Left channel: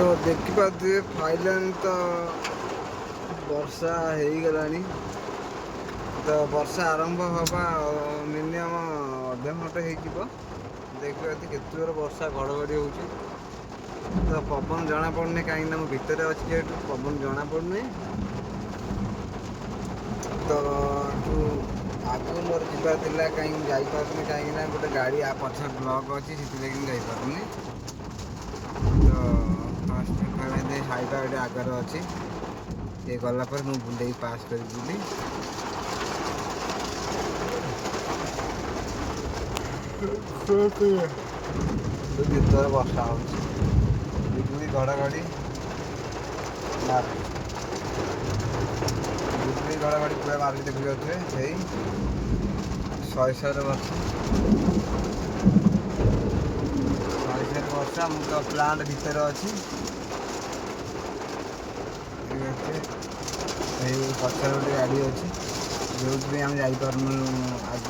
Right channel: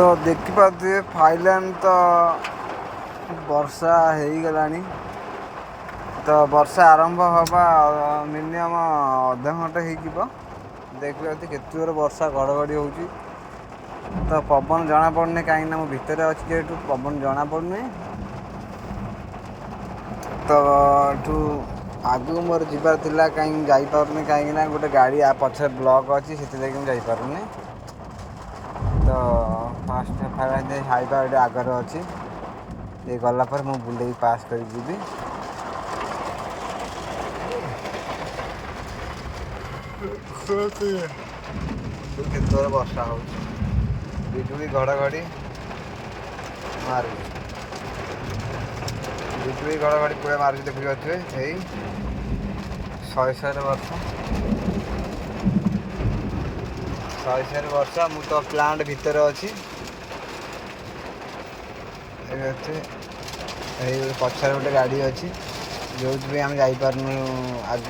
तो देखिपारे फाइलान तो वर्षा हो गलानी। तो वर्षा आरंभ हवा मिनिमम अधा घंटे हो। देखिए केत वर्षा घड़घड़ी हो तो पवन जना पड़े कहीं मो भितर अच्छी जेहतु पवन जना पड़े। तो आगु मोर जीवार थिला कहीं जापारुनी कहीं गोटे गाड़ी पछे ब्लॉक अच्छी से जापारुनी। तो फास्ट हाइवा ये आगर अच्छी ये गलापर मु बुले पास कर जीवी। केत वर्षा हो बिजुली घड़घड़ी मार बिजुली घड़घड़ी पूरा मार्च देखी पारे यही 100 वर्ष 100 वर्षा मु तो प्लांट भितर अच्छी पछार गोटे गाड़ी अच्छी जो आम जापार आज।